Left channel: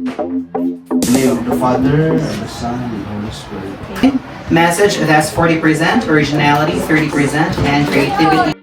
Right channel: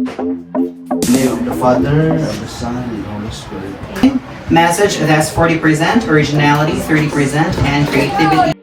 In the name of the Father, of the Son, and the Holy Spirit. Message that's 40% originality, 30% and creativity.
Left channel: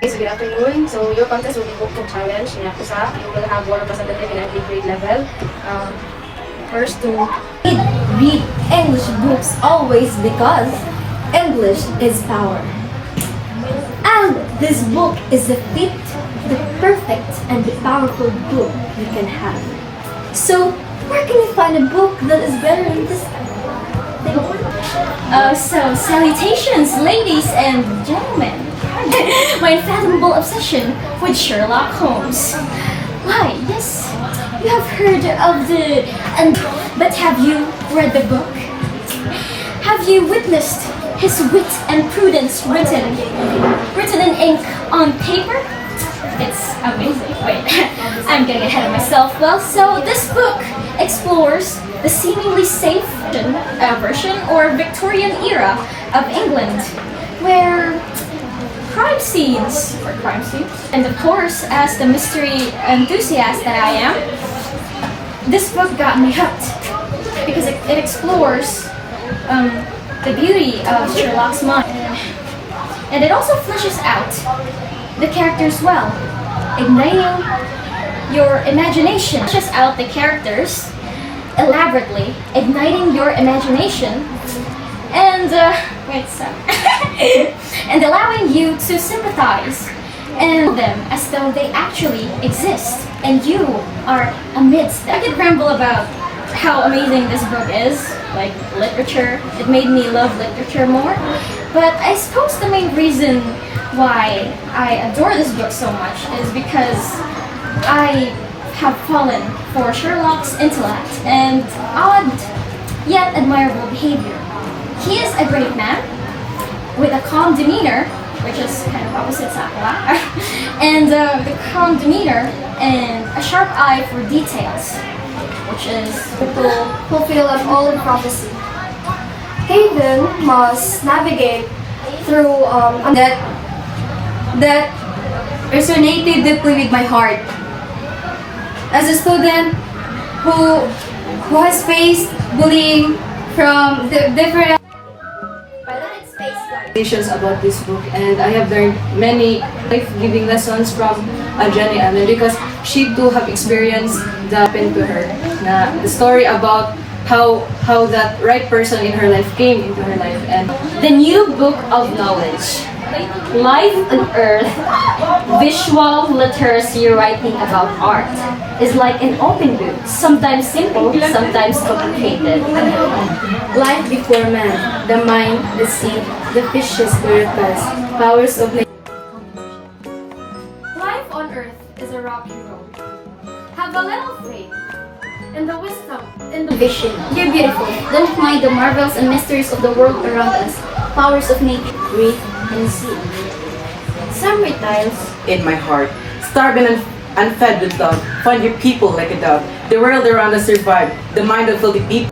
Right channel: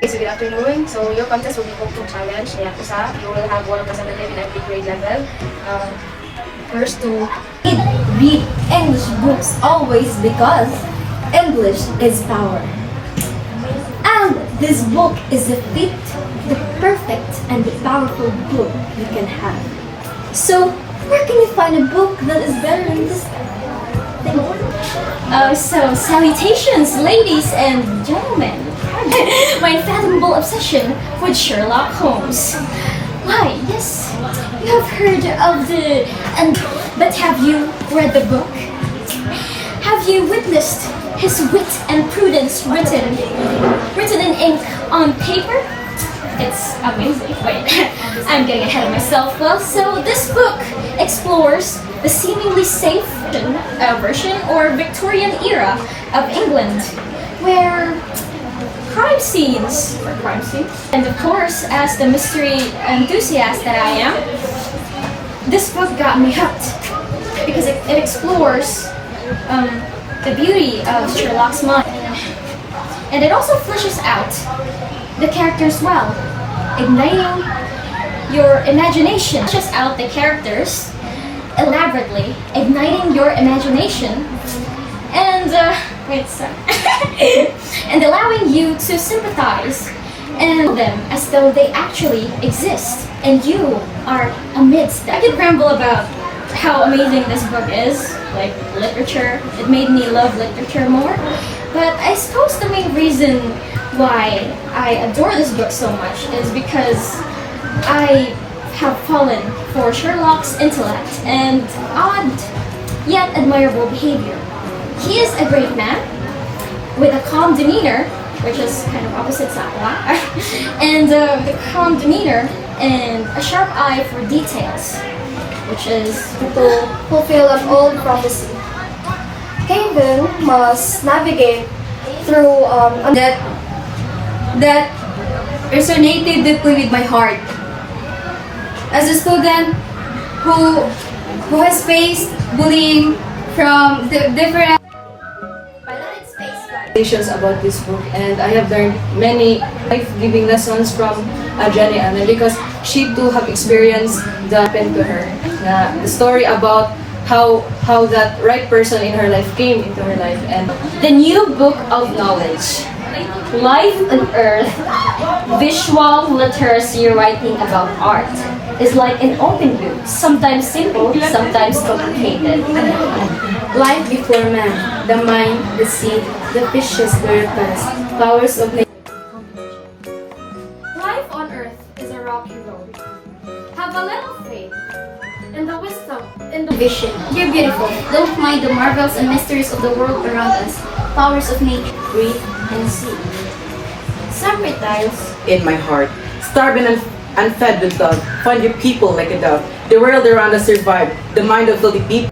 Guys, good afternoon. So your contest will be booked to challenge. You will have one representative in every grade level. First to read English books always because English is power. And this book is the perfect and the powerful book you can have. So where can you find a book that is better than this thing? So salutations, ladies and gentlemen. My unfathomable obsession with Sherlock Holmes. Why, yes, you have heard of but have you read the book? Have you witnessed his wit and prudence written in ink on paper? It's amazing. Wait, I'm getting ahead of myself. Well, so this book explores the seemingly safe version or Victorian era of England, where crime scenes, and of course, as the mystery enthusiast that I am, this book got me hooked because it explores the beauty of Sherlock's mind, and it also fleshes out the characters well, igniting your imagination. Fleshes out the characters elaborately, igniting your imagination, and and allowing you to sympathize and them as though they actually exist and you are amidst them. I could ramble about how amazing this book is, like literature. It made me love literature more. But I suppose the main reason why I adore this book so much is because I have fallen for Sherlock's intellect and odd yet admirable behavior. He is a great man with a calm demeanor, which is kind of opposite sa akin, and the calm demeanor and a sharp eye for details, which is to fulfill an old prophecy. Kevin must navigate through that resonated deeply with my heart. As a student who has faced bullying from the different about this book, and I have learned many life-giving lessons from Jenny Amen because she too have experienced that happened to her. The story about how that right person in her life came into her life, and the new book of knowledge. Life on Earth, visual literacy writing about art, is like an open book, sometimes simple, sometimes complicated. life before man, the mind, the sea, the fishes, the reptiles, powers of nature. Life on Earth is a rocky road. Have a little faith in the wisdom, in the vision. You're beautiful. Don't mind the marvels and mysteries of the world around us. Powers of nature. Breathe and see. Some reptiles in my heart, starving and fed with love, find your people like a dove. The world around us survived. The mind of filthy people